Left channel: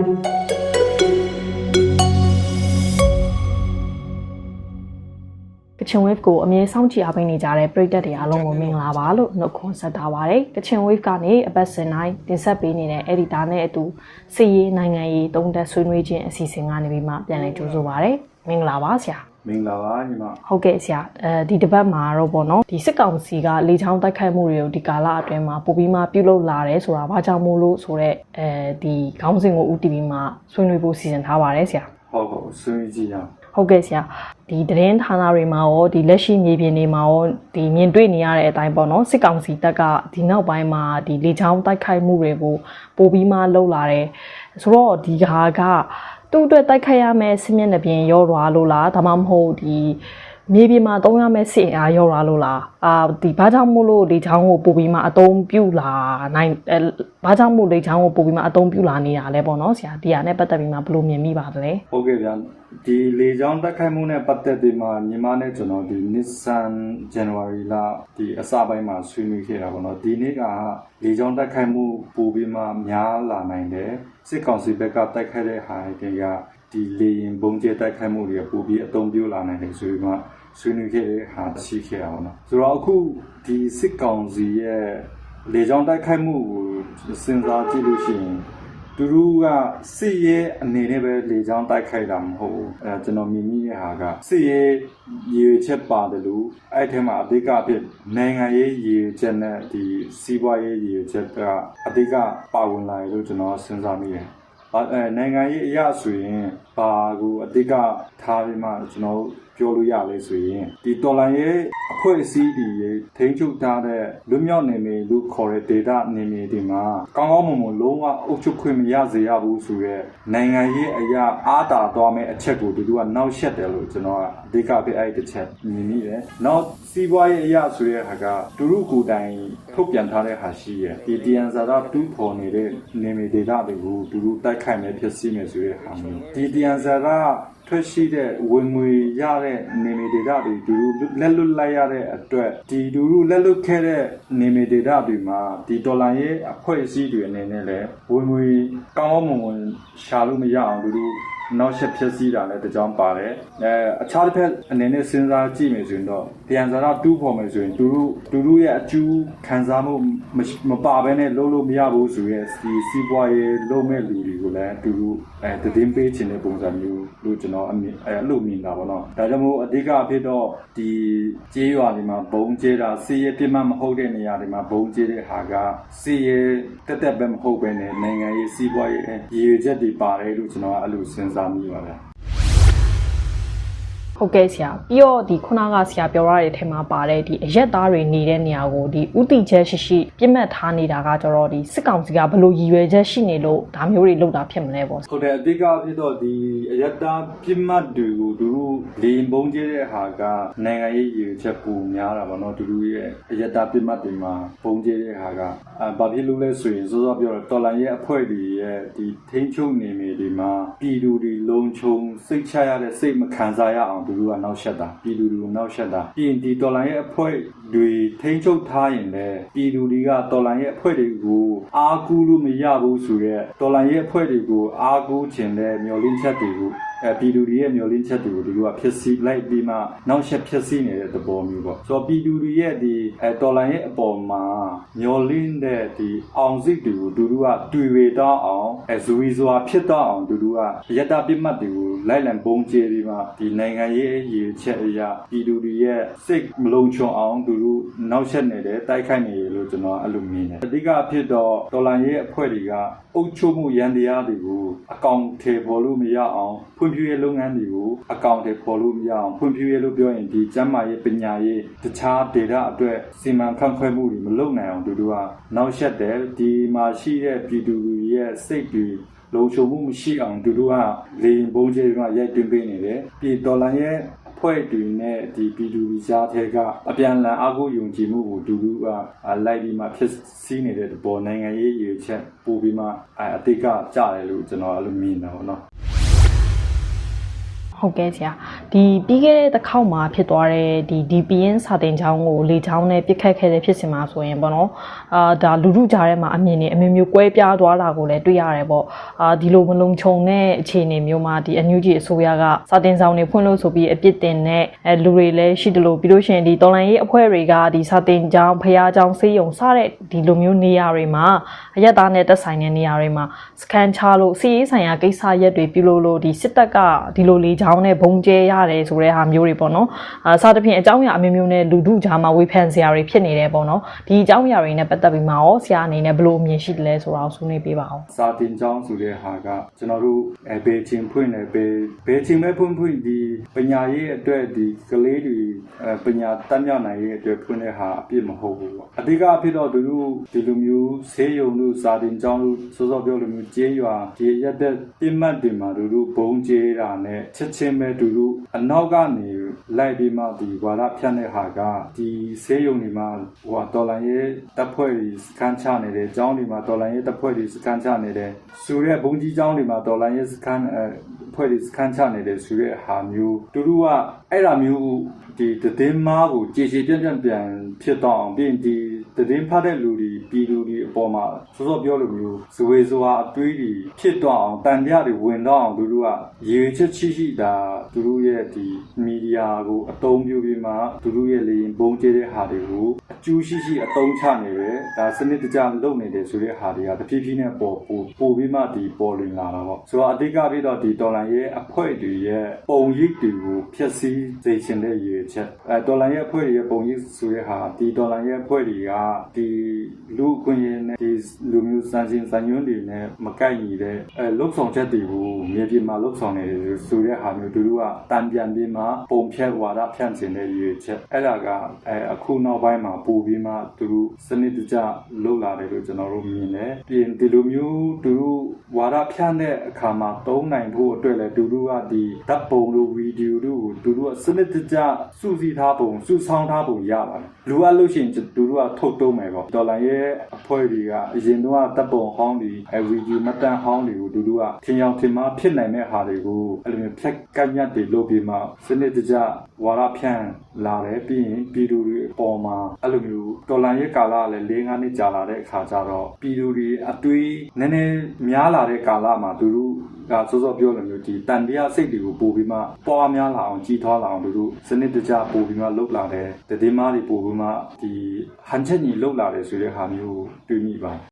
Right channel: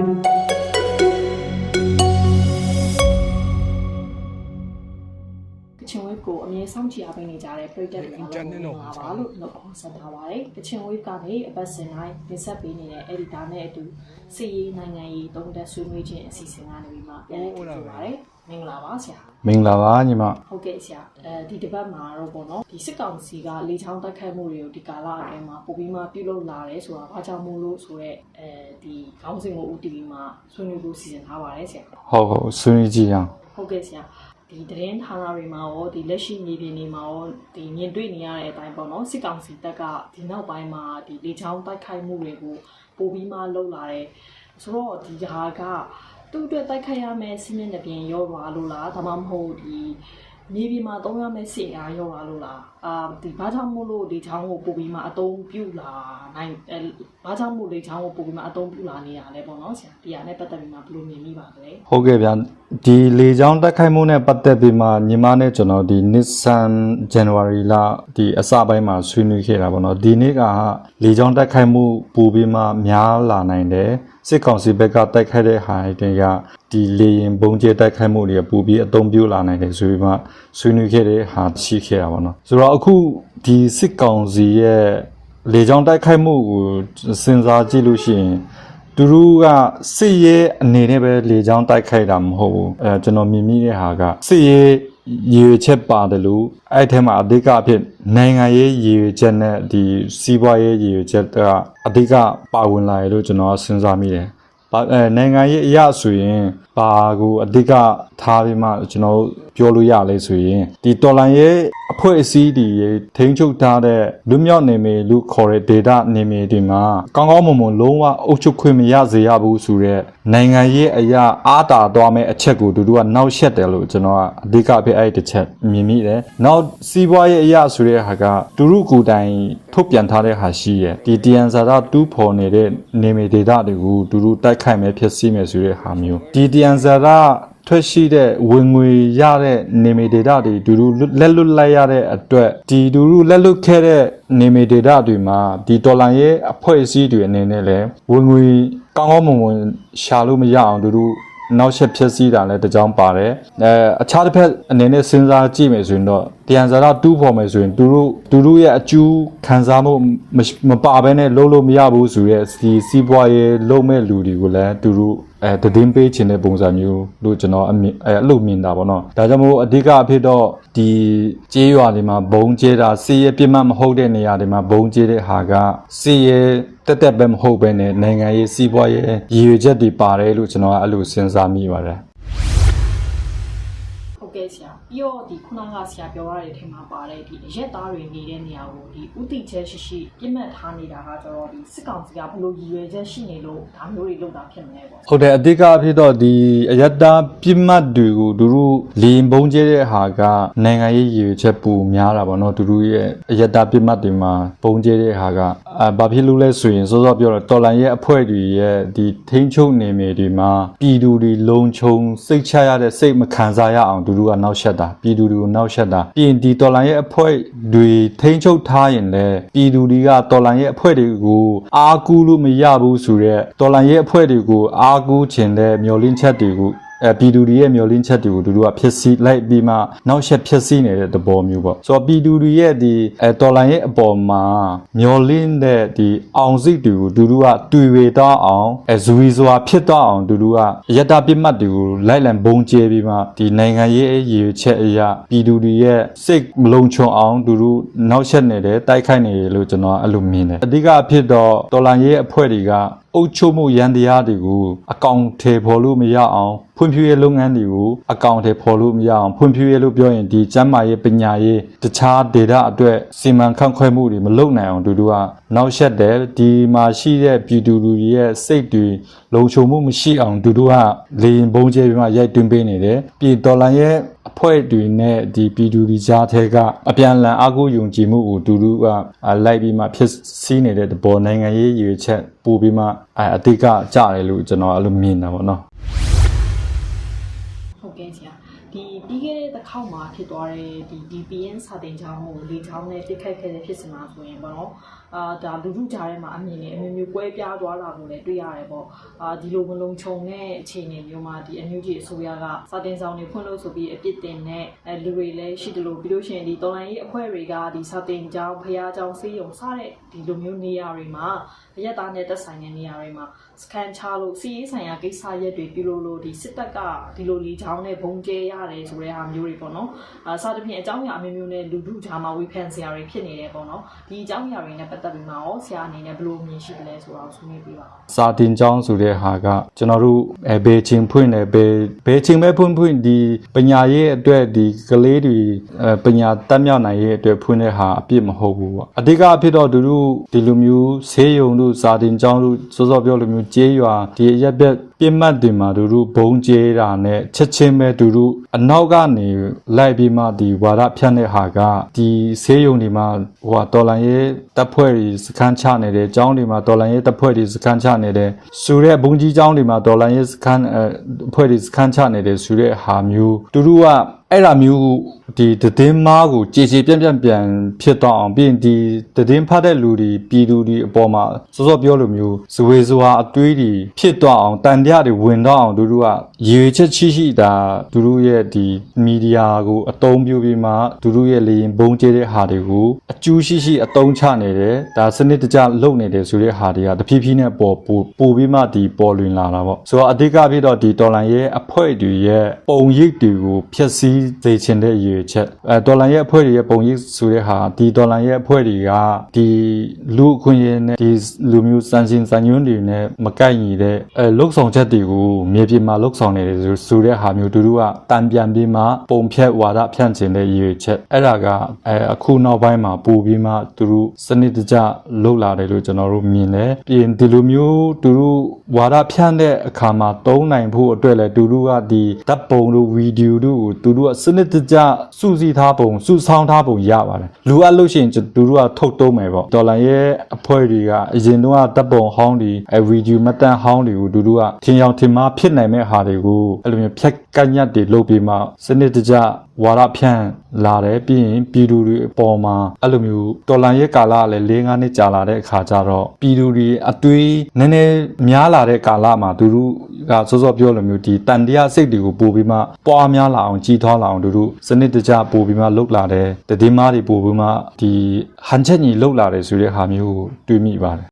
ကချင် wave ကိုအမြဲစောင့်ကြည့်အားပေးနေကြတဲ့ပရိသတ်တွေအားလုံးကိုမင်္ဂလာပါလို့နှုတ်ခွန်းဆက်ထားပါတယ်ကချင် wave ကနေအပတ်စဉ်တိုင်းတင်ဆက်ပေးနေတဲ့ editor နဲ့အတူစီရေးနိုင်ငံရေးတုံးတက်ဆွေးနွေးခြင်းအစီအစဉ်ကနေပြီးမှပြန်လည်ကြိုဆိုပါရစေမင်္ဂလာပါဆရာ မင်္ဂလာပါညီမဟုတ်ကဲ့ဆရာအဲဒီတစ်ပတ်မှာတော့ပေါ့နော်ဒီစစ်ကောင်စီကလေချောင်းတိုက်ခိုက်မှုတွေကိုဒီကာလအတွင်းမှာပိုပြီးမှပြုလုပ်လာတယ်ဆိုတာဘာကြောင့်မို့လို့ဆိုတော့အဲဒီခေါင်းစဉ်ကိုဦးတည်ပြီးမှဆွေးနွေးဖို့စီစဉ်ထားပါတယ်ဆရာဟုတ်ဟုတ်ဆွေးနွေးကြည့်အောင်ဟုတ်ကဲ့ဆရာဒီသတင်းဌာနတွေမှာရောဒီလက်ရှိမြေပြင်တွေမှာရောဒီမြင်တွေ့နေရတဲ့အတိုင်းပေါ့နော်စစ်ကောင်စီတပ်ကဒီနောက်ပိုင်းမှာဒီလေချောင်းတိုက်ခိုက်မှုတွေကိုပိုပြီးမှလှုပ်လာတယ်ဆိုတော့ဒီဟာက သူ့အတွက်တိုက်ခိုက်ရမယ့်စစ်မျက်နှာပြင်ရောသွားလို့လားဒါမှမဟုတ်ဒီမြေပြင်မှာတုံးရမယ့်စစ်အင်အားရောသွားလို့လားအာဒီဘာကြောင့်မို့လို့လေချောင်းကိုပိုပြီးမှအတုံးပြုတ်လာနိုင်အဲဘာကြောင့်မို့လေချောင်းကိုပိုပြီးမှအတုံးပြုတ်လာနေတာလဲပေါ့နော်ဆရာဒီဟာနဲ့ပတ်သက်ပြီးမှဘယ်လိုမြင်မိပါသလဲဟုတ်ကဲ့ဗျာ ဒီလေကြောင်းတက်ခိုက်မှုနဲ့ပတ်သက်ပြီးမှညီမနဲ့ကျွန်တော်ဒီ Nissan January လဒီအစပိုင်းမှာဆွေးနွေးခဲ့တာပေါ့နော်ဒီနေ့ကလေကြောင်းတက်ခိုက်မှုပူပြီးမှများလာနိုင်တယ်စစ်ကောင်စီဘက်ကတိုက်ခိုက်တဲ့ဟာတွေကဒီလေရင်ဘုံကျဲတိုက်ခိုက်မှုတွေပူပြီးအသုံးပြုလာနိုင်တယ်ဆိုပြီးမှဆွေးနွေးခဲ့တဲ့ဟာရှိခဲ့တာပေါ့နော်ဆိုတော့အခုဒီစစ်ကောင်စီရဲ့လေကြောင်းတိုက်ခိုက်မှုကိုစဉ်းစားကြည့်လို့ရှိရင် သူတို့ကစစ်ရေးအနေနဲ့ပဲလေကြောင်းတိုက်ခိုက်တာမဟုတ်ဘူးအဲကျွန်တော်မြင်မိတဲ့ဟာကစစ်ရေးရည်ရွယ်ချက်ပါတယ်လို့အဲ့ထဲမှာအဓိကအဖြစ်နိုင်ငံရေးရည်ရွယ်ချက်နဲ့ဒီစီးပွားရေးရည်ရွယ်ချက်ကအဓိကပါဝင်လာရလို့ကျွန်တော်စဉ်းစားမိတယ်။ဘာအဲနိုင်ငံရေးအရာဆိုရင် ဘာကိုအဓိကထားပြီးမှကျွန်တော်ပြောလို့ရလဲဆိုရင်ဒီတော်လိုင်းရဲ့အဖွဲ့အစည်းတွေထိန်းချုပ်ထားတဲ့လူမျိုးနေမည်လူခေါ်တဲ့ data နေမည်တွေမှာကောင်းကောင်းမွန်မွန်လုံးဝအုပ်ချုပ်ခွင့်မရစေရဘူးဆိုတော့နိုင်ငံရေးအရာအားတာသွားမဲ့အချက်ကိုတူတူကနောက်ဆက်တယ်လို့ကျွန်တော်ကအဓိကအဖြစ်အဲ့ဒီတစ်ချက်မြင်မိတယ်။နောက်စီးပွားရေးအရာဆိုတဲ့ဟာကတူရုကိုယ်တိုင်ထုတ်ပြန်ထားတဲ့ဟာရှိရဲ့ဒီတန်ဇာတာတူးဖော်နေတဲ့နေမည် data တွေကိုတူတူတိုက်ခိုက်မဲ့ဖြစ်စီမဲ့ဆိုတဲ့ဟာမျိုးဒီတန်ဇာတာထွက်ရှိတဲ့ဝင်ငွေရတဲ့နေမီဒေတာတွေဒူဒူလက်လွတ်လိုက်ရတဲ့အတွက်ဒီဒူဒူလက်လွတ်ခဲ့တဲ့နေမီဒေတာတွေမှာဒီဒေါ်လာရဲ့အဖွဲ့အစည်းတွေအနေနဲ့လည်းဝင်ငွေကောင်းကောင်းမွန်မွန်ရှာလို့မရအောင်ဒူဒူနောက်ဆက်ဖြစ်စီတာလည်းတကြောင်ပါတယ်အဲအခြားတစ်ဖက်အနေနဲ့စဉ်းစားကြည့်မယ်ဆိုရင်တော့တန်ဇာတာတူးဖော်မယ်ဆိုရင်သူတို့သူတို့ရဲ့အကျူးခံစားမှုမပါဘဲနဲ့လုံးလို့မရဘူးဆိုရဲဒီစီးပွားရေးလုံးမဲ့လူတွေကိုလည်းသူတို့ အဲတည်င်းပေးခြင်းတဲ့ပုံစံမျိုးလို့ကျွန်တော်အမြင်အဲအဲ့လိုမြင်တာပေါ့နော်ဒါကြောင့်မို့အဓိကအဖြစ်တော့ဒီကြေးရွာတွေမှာဘုံကျဲတာစီးရဲပြစ်မှတ်မဟုတ်တဲ့နေရာတွေမှာဘုံကျဲတဲ့ဟာကစီးရဲတက်တက်ပဲမဟုတ်ပဲနဲ့နိုင်ငံရေးစီးပွားရေးရည်ရွယ်ချက်တွေပါတယ်လို့ကျွန်တော်ကအဲ့လိုစဉ်းစားမိပါတယ် ဟုတ်ကဲ့ဆရာပြီးတော့ဒီခုနကဆရာပြောရတဲ့အထက်မှာပါတယ်ဒီအရက်သားတွေနေတဲ့နေရာကိုဒီဥတီချက်ရှိရှိပြစ်မှတ်ထားနေတာကကျတော့ဒီစစ်ကောင်စီကဘလို့ရည်ရွယ်ချက်ရှိနေလို့ဒါမျိုးတွေလုပ်တာဖြစ်မလဲပေါ့ဟုတ်တယ်အဓိကအဖြစ်တော့ဒီအယတ္တပြစ်မှတ်တွေကိုသူတို့လီရင်ပုံကျဲတဲ့ဟာကနိုင်ငံရေးရည်ရွယ်ချက်ပူများတာပေါ့နော်သူတို့ရဲ့အယတ္တပြစ်မှတ်တွေမှာပုံကျဲတဲ့ဟာကအာဘာဖြစ်လို့လဲဆိုရင်စောစောပြောတော့တော်လန်ရဲ့အဖွဲ့တွေရဲ့ဒီထိန်းချုပ်နေမြေတွေမှာပြည်သူတွေလုံခြုံစိတ်ချရတဲ့စိတ်မခံစားရအောင်သူတို့ကနောက်ဆက်တာပြည်သူတွေကိုနောက်ဆက်တာပြီးရင်ဒီတော်လန်ရဲ့အဖွဲ့တွေထိန်းချုပ်ထားရင်လည်းပြည်သူတွေကတော်လန်ရဲ့အဖွဲ့တွေကိုအားကူးလို့မရဘူးဆိုတော့တော်လန်ရဲ့အဖွဲ့တွေကိုအားကူးခြင်းတဲ့မျောလင်းချက်တွေကို အဲပြည်သူတွေရဲ့မျောလင်းချက်တွေကိုသူတို့ကဖြစ်စီလိုက်ပြီးမှနောက်ဆက်ဖြစ်စီနေတဲ့သဘောမျိုးပေါ့ဆိုတော့ပြည်သူတွေရဲ့ဒီအဲတော်လိုင်းရဲ့အပေါ်မှာမျောလင်းတဲ့ဒီအောင်စိတ်တွေကိုသူတို့ကတွေ့ဝေတော့အောင်အဲဇူရီစွာဖြစ်တော့အောင်သူတို့ကအယတ္တပြစ်မှတ်တွေကိုလိုက်လံဘုံကျဲပြီးမှဒီနိုင်ငံရေးအရေးချက်အရာပြည်သူတွေရဲ့စိတ်မလုံခြုံအောင်သူတို့နောက်ဆက်နေတယ်တိုက်ခိုက်နေတယ်လို့ကျွန်တော်အဲ့လိုမြင်တယ်အဓိကအဖြစ်တော့တော်လိုင်းရဲ့အဖွဲ့တွေကအုပ်ချုပ်မှုရန်တရားတွေကိုအကောင့်ထေဖော်လို့မရအောင်ဖွံ့ဖြိုးရေးလုပ်ငန်းတွေကိုအကောင့်ထေဖော်လို့မရအောင်ဖွံ့ဖြိုးရေးလို့ပြောရင်ဒီကျန်းမာရေးပညာရေးတခြား data အတွက်စီမံခန့်ခွဲမှုတွေမလုပ်နိုင်အောင်တူတူကနောက်ဆက်တယ်ဒီမှာရှိတဲ့ပြည်သူလူတွေရဲ့စိတ်တွေလုံခြုံမှုမရှိအောင်တူတူကလေရင်ဘုံကျဲပြီးမှရိုက်တွင်းပေးနေတယ်ပြည်တော်လန်ရဲ့ အဖွဲ့တွေနဲ့ဒီပြည်သူတွေကြားထဲကအပြန်အလှန်အကူယုံကြည်မှုကိုတူတူကအာလိုက်ပြီးမှဖြစ်စီးနေတဲ့တပေါ်နိုင်ငံရေးရည်ရွယ်ချက်ပို့ပြီးမှအဲအတိတ်ကကြတယ်လို့ကျွန်တော်အဲ့လိုမြင်တာပေါ့နော်ဟုတ်ကဲ့ဆရာဒီပြီးခဲ့တဲ့တစ်ခေါက်မှာဖြစ်သွားတဲ့ဒီ DPN စာတင်ချောင်းကိုလေချောင်းနဲ့ပြစ်ခတ်ခဲ့တဲ့ဖြစ်စဉ်မှာဆိုရင်ပေါ့နော် အာဒါလူလူကြားထဲမှာအမြင်တွေအမျိုးမျိုးကွဲပြားသွားတာကိုလည်းတွေ့ရတယ်ပေါ့အာဒီလိုမလုံခြုံတဲ့အခြေအနေမျိုးမှာဒီအန်ယူဂျီအစိုးရကစာတင်ဆောင်တွေဖွင့်လို့ဆိုပြီးအပြစ်တင်တဲ့အဲလူတွေလည်းရှိတယ်လို့ပြီးလို့ရှိရင်ဒီတော်လိုင်းရေးအဖွဲ့တွေကဒီစာတင်ချောင်းဖျားချောင်းစေးရုံစတဲ့ဒီလိုမျိုးနေရာတွေမှာအရက်သားနဲ့တက်ဆိုင်တဲ့နေရာတွေမှာစကန်ချလို့စီးရေးဆိုင်ရာကိစ္စရက်တွေပြုလို့လို့ဒီစစ်တပ်ကဒီလိုလေချောင်းနဲ့ဘုံကျဲရတယ်ဆိုတဲ့ဟာမျိုးတွေပေါ့နော်အာစသဖြင့်အကြောင်းအရာအမျိုးမျိုးနဲ့လူထုကြားမှာဝေဖန်စရာတွေဖြစ်နေတယ်ပေါ့နော်ဒီအကြောင်းအရာတွေနဲ့ပတ်သက်ပြီးမှရောဆရာအနေနဲ့ဘယ်လိုအမြင်ရှိတယ်လဲဆိုတာကိုဆွေးနွေးပေးပါအောင်စာတင်ကျောင်းဆိုတဲ့ဟာကကျွန်တော်တို့အဲဘေချင်းဖွင့်တယ်ဘေဘေချင်းပဲဖွင့်ဖွင့်ဒီပညာရေးအတွက်ဒီကလေးတွေအဲပညာတတ်မြောက်နိုင်ရေးအတွက်ဖွင့်တဲ့ဟာအပြစ်မဟုတ်ဘူးပေါ့အဓိကအဖြစ်တော့သူတို့ဒီလိုမျိုးဆေးရုံတို့စာတင်ကျောင်းတို့စောစောပြောလိုမျိုးကြေးရွာဒီအရက်ဘက် ပြစ်မှတ်တွေမှာသူတို့ဘုံကျဲတာနဲ့ချက်ချင်းပဲသူတို့အနောက်ကနေလိုက်ပြီးမှဒီဝါဒဖြန့်တဲ့ဟာကဒီဆေးရုံတွေမှာဟိုဟာတော်လန်ရေးတပ်ဖွဲ့တွေစခန်းချနေတယ်ကျောင်းတွေမှာတော်လန်ရေးတပ်ဖွဲ့တွေစခန်းချနေတယ်ဆိုတဲ့ဘုံကြီးကျောင်းတွေမှာတော်လန်ရေးစခန်းအဲအဖွဲ့တွေစခန်းချနေတယ်ဆိုတဲ့ဟာမျိုးသူတို့က အဲ့ဒါမျိုးဒီတည်င်းမားကိုကြည်ကြည်ပြန့်ပြန့်ပြန်ဖြစ်တော့အောင်ပြီးရင်ဒီတည်င်းဖတ်တဲ့လူတွေပြည်သူတွေအပေါ်မှာစောစောပြောလိုမျိုးဇဝေဇဝါအသွေးတွေဖြစ်တော့အောင်တန်တရားတွေဝင်တော့အောင်သူတို့ကရည်ရွယ်ချက်ရှိရှိတာသူတို့ရဲ့ဒီမီဒီယာကိုအတုံးပြုပြီးမှသူတို့ရဲ့လေရင်ဘုံကျဲတဲ့ဟာတွေကိုအကျူးရှိရှိအတုံးချနေတယ်ဒါစနစ်တကျလုပ်နေတယ်ဆိုတဲ့ဟာတွေကတဖြည်းဖြည်းနဲ့ပေါ်ပို့ပို့ပြီးမှဒီပေါ်လွင်လာတာပေါ့ဆိုတော့အဓိကဖြစ်တော့ဒီတော်လန်ရဲ့အဖွဲ့တွေရဲ့ပုံရိပ်တွေကိုဖျက်ဆီးစေချင်တဲ့ရည်ရွယ်ချက်အဲဒေါ်လာရဲ့အဖွဲ့တွေရဲ့ပုံရိပ်ဆိုတဲ့ဟာဒီဒေါ်လာရဲ့အဖွဲ့တွေကဒီလူအခွင့်အရေးနဲ့ဒီလူမျိုးစံရှင်စံညွှန်းတွေနဲ့မကိုက်ညီတဲ့အဲလုတ်ဆောင်ချက်တွေကိုမြေပြင်မှာလုတ်ဆောင်နေတယ်ဆိုဆိုတဲ့ဟာမျိုးသူတို့ကတန်ပြန်ပြီးမှပုံဖြတ်ဝါဒဖြန့်ချင်တဲ့ရည်ရွယ်ချက်အဲ့ဒါကအဲအခုနောက်ပိုင်းမှာပို့ပြီးမှသူတို့စနစ်တကျလုတ်လာတယ်လို့ကျွန်တော်တို့မြင်တယ်ပြီးရင်ဒီလိုမျိုးသူတို့ဝါဒဖြန့်တဲ့အခါမှာသုံးနိုင်ဖို့အတွက်လည်းသူတို့ကဒီဓာတ်ပုံတို့ဗီဒီယိုတို့ကိုသူတို့ကစနစ်တကျစုစည်းထားပုံစုဆောင်းထားပုံရပါတယ်လူအပ်လို့ရှိရင်သူတို့ကထုတ်တုံးမယ်ပေါ့ဒေါ်လာရဲ့အဖွဲ့တွေကအရင်တော့ဓာတ်ပုံဟောင်းတွေအဲဗီဒီယိုမတန်ဟောင်းတွေကိုသူတို့ကထင်ရောက်ထင်မှားဖြစ်နိုင်မဲ့ဟာတွေကိုအဲ့လိုမျိုးဖြက်ကန့်ညက်တွေလုပ်ပြီးမှစနစ်တကျဝါဒဖြန့်လာတယ်ပြီးရင်ပြည်သူတွေအပေါ်မှာအဲ့လိုမျိုးဒေါ်လာရဲ့ကာလကလည်း၄၅နှစ်ကြာလာတဲ့အခါကျတော့ပြည်သူတွေအသွေးနည်းနည်းများလာတဲ့ကာလမှာသူတို့ကစောစောပြောလိုမျိုးဒီတန်တရားစိတ်တွေကိုပို့ပြီးမှပွားများလာအောင်ကြီးထွားလာအောင်သူတို့စနစ်တကျပို့ပြီးမှလှုပ်လာတယ်တည်င်းမားတွေပို့ပြီးမှဒီဟန်ချက်ညီလှုပ်လာတယ်ဆိုတဲ့ဟာမျိုးကိုတွေးမိပါတယ်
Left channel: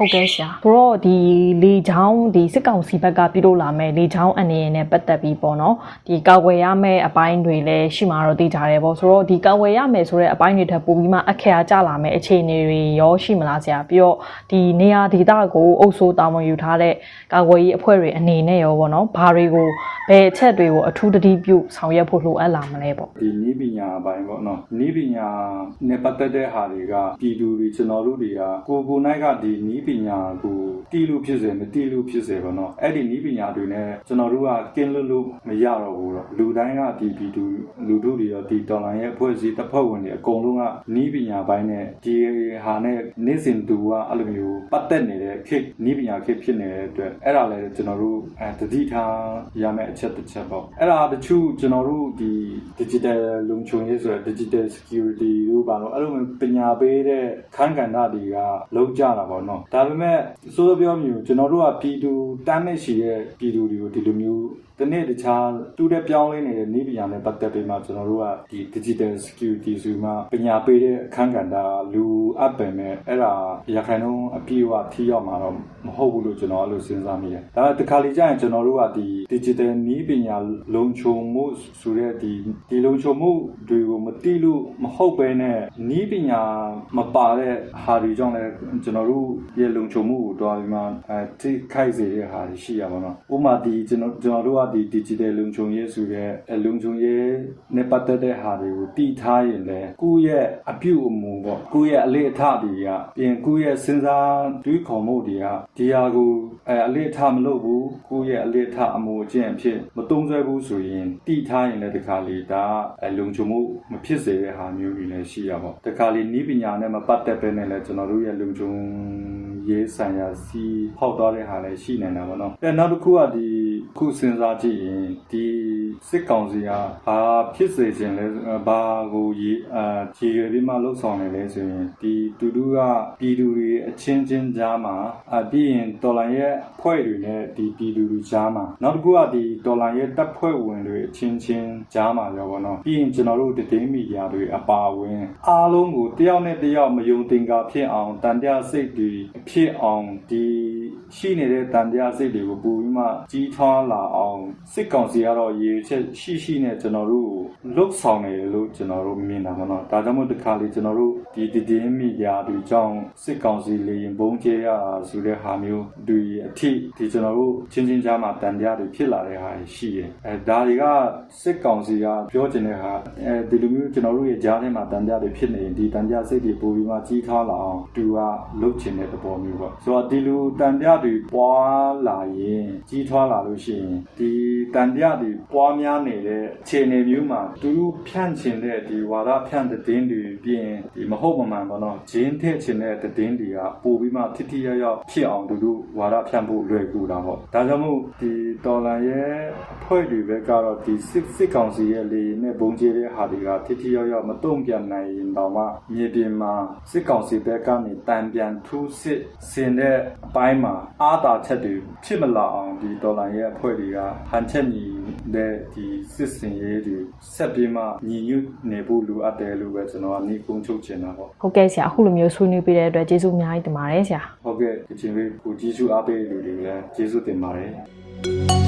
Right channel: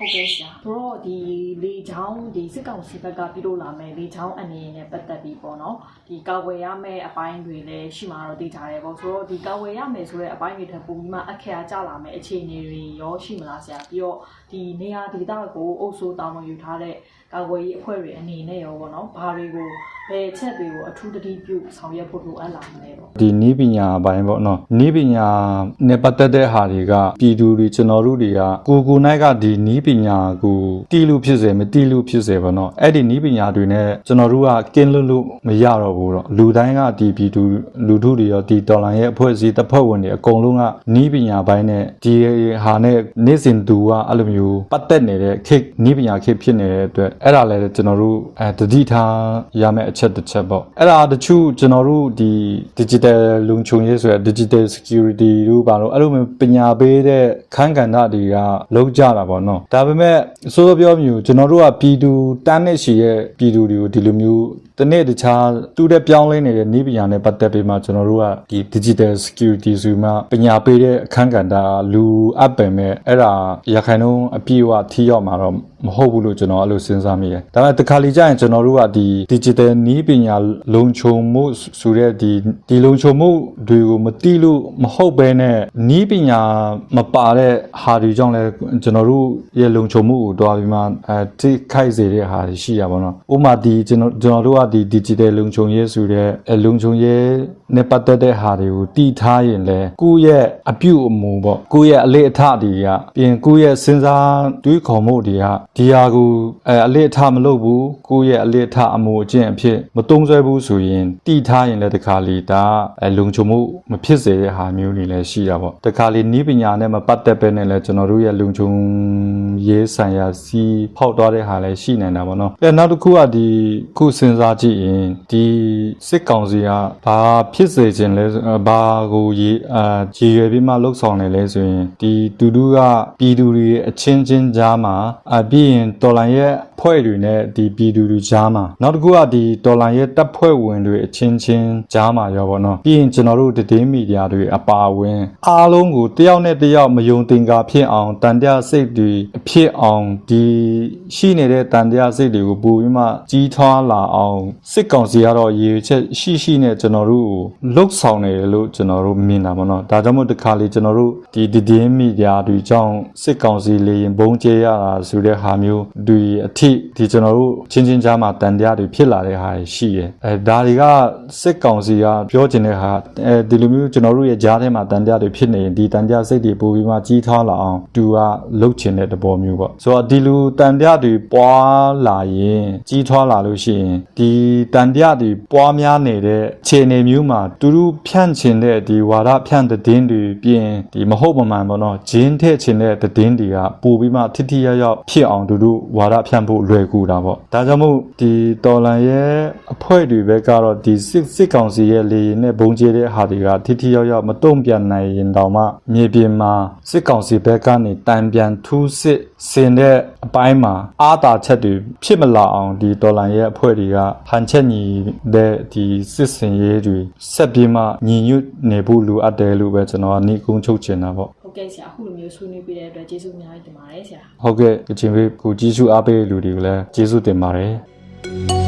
ဟုတ်ကဲ့ရှာဘရောဒီလေချောင်းဒီစစ်ကောင်စီဘက်ကပြုလုပ်လာမဲ့လေချောင်းအနေနဲ့ပတ်သက်ပြီးပေါ့နော်ဒီကာဝယ်ရမဲ့အပိုင်းတွေလည်းရှိမှာတော့သိကြတယ်ပေါ့ဆိုတော့ဒီကာဝယ်ရမယ်ဆိုတဲ့အပိုင်းတွေထပ်ပို့ပြီးမှအခရာကျလာမဲ့အခြေအနေတွေရောရှိမလားဆရာပြီးတော့ဒီနေရာဒေသကိုအုပ်စိုးတာဝန်ယူထားတဲ့ကာဝယ်ရေးအဖွဲ့တွေအနေနဲ့ရောပေါ့နော်ဘာတွေကိုဘယ်အချက်တွေကိုအထူးတတိပြုဆောင်ရွက်ဖို့လိုအပ်လာမလဲပေါ့ဒီနီးပညာအပိုင်းပေါ့နော်နီးပညာနဲ့ပတ်သက်တဲ့ဟာတွေကပြည်သူတွေကျွန်တော်တို့တွေကကိုကိုနိုင်ကဒီနီးပညာကိုတီးလို့ဖြစ်စေမတီးလို့ဖြစ်စေပေါ့နော်အဲ့ဒီနီးပညာတွေနဲ့ကျွန်တော်တို့ကကင်းလွတ်လို့မရတော့ဘူးတော့လူတိုင်းကဒီပြည်သူလူထုတွေရောဒီတော်လန်ရဲ့အဖွဲ့အစည်းတစ်ဖက်ဝင်တွေအကုန်လုံးကနီးပညာပိုင်းနဲ့ဒီဟာနဲ့နေ့စဉ်သူကအဲ့လိုမျိုးပတ်သက်နေတဲ့ခေတ်နီးပညာခေတ်ဖြစ်နေတဲ့အတွက်အဲ့ဒါလည်းကျွန်တော်တို့အဲတတိထားရမယ့်အချက်တစ်ချက်ပေါ့အဲ့ဒါတချို့ကျွန်တော်တို့ဒီ digital လုံခြုံရေးဆိုရယ် digital security တို့ပါတော့အဲ့လိုမျိုးပညာပေးတဲ့ခန်းကဏ္ဍတွေကလုံးကြတာပေါ့နော်ဒါပေမဲ့အစိုးရပြောမျိုးကျွန်တော်တို့ကပြည်သူတန်းနဲ့ရှိရဲ့ပြည်သူတွေကိုဒီလိုမျိုးတနေ့တခြားတူတဲ့ပြောင်းလဲနေတဲ့နည်းပညာနဲ့ပတ်သက်ပြီးမှကျွန်တော်တို့ကဒီ digital security ဆိုမှပညာပေးတဲ့အခန်းကဏ္ဍလူအပ်ပင်မဲ့အဲ့ဒါရခိုင်နှုန်းအပြည့်အဝထိရောက်မှာတော့ မဟုတ်ဘူးလို့ကျွန်တော်အဲ့လိုစဉ်းစားမိတယ်။ဒါပေမဲ့တခါလီကျရင်ကျွန်တော်တို့ကဒီ digital နည်းပညာလုံခြုံမှုဆိုတဲ့ဒီဒီလုံခြုံမှုတွေကိုမတိလို့မဟုတ်ဘဲနဲ့နည်းပညာမပါတဲ့ဟာတွေကြောင့်လည်းကျွန်တော်တို့ရဲ့လုံခြုံမှုကိုတွားပြီးမှအဲထိခိုက်စေတဲ့ဟာတွေရှိရပါတော့။ဥပမာဒီကျွန်တော်ကျွန်တော်တို့ကဒီ digital လုံခြုံရေးဆိုတဲ့အဲလုံခြုံရေးနဲ့ပတ်သက်တဲ့ဟာတွေကိုတည်ထားရင်လည်းကိုယ့်ရဲ့အပြုအမူပေါ့ကိုယ့်ရဲ့အလေအထတွေကပြင်ကိုယ့်ရဲ့စဉ်းစားတွေးခေါ်မှုတွေကဒီဟာကိုအဲအလေးအထားမလုပ်ဘူးကိုယ့်ရဲ့အလေးအထားအမှုအကျင့်အဖြစ်မတုံးဆွဲဘူးဆိုရင်တိထားရင်လည်းတခါလေဒါအဲလုံခြုံမှုမဖြစ်စေတဲ့ဟာမျိုးတွေလည်းရှိတာပေါ့တခါလေနီးပညာနဲ့မပတ်သက်ပဲနဲ့လည်းကျွန်တော်တို့ရဲ့လုံခြုံရေးဆိုင်ရာစီဖောက်သွားတဲ့ဟာလည်းရှိနေတာပေါ့နော်အဲနောက်တစ်ခုကဒီခုစဉ်းစားကြည့်ရင်ဒီစစ်ကောင်စီကဘာဖြစ်စေခြင်းလဲဆိုအဲဘာကိုရေးအာရေရွယ်ပြီးမှလှုပ်ဆောင်နေလဲဆိုရင်ဒီတူတူကပြည်သူတွေအချင်းချင်းကြားမှာအပြီးရင်တော်လိုင်းရဲ့ဖွဲ့တွေနဲ့ဒီပြည်သူတွေကြားမှာနောက်တစ်ခုကဒီတော်လိုင်းရဲ့တပ်ဖွဲ့ဝင်တွေအချင်းချင်းကြားမှာရောပေါ့နော်ပြီးရင်ကျွန်တော်တို့တည်င်းမီဒီယာတွေအပါအဝင်အားလုံးကိုတယောက်နဲ့တယောက်မယုံတင်ကာဖြစ်အောင်တန်တရားစိတ်တွေအဖြစ်အောင်ဒီရှိနေတဲ့တန်တရားစိတ်တွေကိုပိုပြီးမှကြီးထွားလာအောင်စစ်ကောင်စီကတော့ရည်ရွယ်ချက်ရှိရှိနဲ့ကျွန်တော်တို့ကိုလှုပ်ဆောင်နေတယ်လို့ကျွန်တော်တို့မြင်တာပေါ့နော်ဒါကြောင့်မို့တခါလေကျွန်တော်တို့ဒီတည်င်းမီဒီယာတွေကြောင့်စစ်ကောင်စီလေရင်ဘုံကျဲရတာဆိုတဲ့ဟာမျိုးတွေအထိဒီကျွန်တော်တို့ချင်းချင်းကြားမှာတန်တရားတွေဖြစ်လာတဲ့ဟာတွေရှိတယ်အဲဒါတွေကစစ်ကောင်စီကပြောချင်တဲ့ဟာအဲဒီလိုမျိုးကျွန်တော်တို့ရဲ့ကြားထဲမှာတန်တရားတွေဖြစ်နေရင်ဒီတန်တရားစိတ်တွေပိုပြီးမှကြီးထွားလာအောင်သူကလှုပ်ချင်တဲ့သဘောမျိုးပေါ့ဆိုတော့ဒီလူတန်တရားတွေပွားလာရင်ကြီးထွားလာလို့ရှိရင်ဒီတန်တရားတွေပွားများနေတဲ့ခြေအနေမျိုးမှာသူတို့ဖြန့်ချင်တဲ့ဒီဝါဒဖြန့်တဲ့တင်းတွေပြင်ဒီမဟုတ်မမှန်ပေါ့နော်ဂျင်းထည့်ချင်တဲ့တင်းတွေကပိုပြီးမှထိထိရောက်ရောက်ဖြစ်အောင်သူတို့ဝါဒဖြန့်ဖို့လွယ်ကူတာပေါ့ဒါကြောင့်မို့ဒီတော်လန်ရဲ့အဖွဲ့တွေဘက်ကတော့ဒီစစ်စစ်ကောင်စီရဲ့လေရင်နဲ့ဘုံကျဲတဲ့ဟာတွေကထိထိရောက်ရောက်မတုံ့ပြန်နိုင်ရင်တောင်မှမြေပြင်မှာစစ်ကောင်စီဘက်ကနေတန်ပြန်ထူးစစ်ဆင်တဲ့အပိုင်းမှာအာသာချက်တွေဖြစ်မလာအောင်ဒီတော်လန်ရဲ့အဖွဲ့တွေကဟန်ချက်ညီတဲ့ဒီစစ်စင်ရေးတွေဆက်ပြီးမှညီညွတ်နေဖို့လိုအပ်တယ်လို့ပဲကျွန်တော်ကနေကုန်းချုပ်ချင်တာပေါ့ဟုတ်ကဲ့ဆရာအခုလိုမျိုးဆွေးနွေးပေးတဲ့အတွက်ကျေးဇူးအများကြီးတင်ပါတယ်ဆရာဟုတ်ကဲ့အချင်းပေးကိုကြီးစုအားပေးတဲ့လူတွေကိုလည်းကျေးဇူးတင်ပါတယ်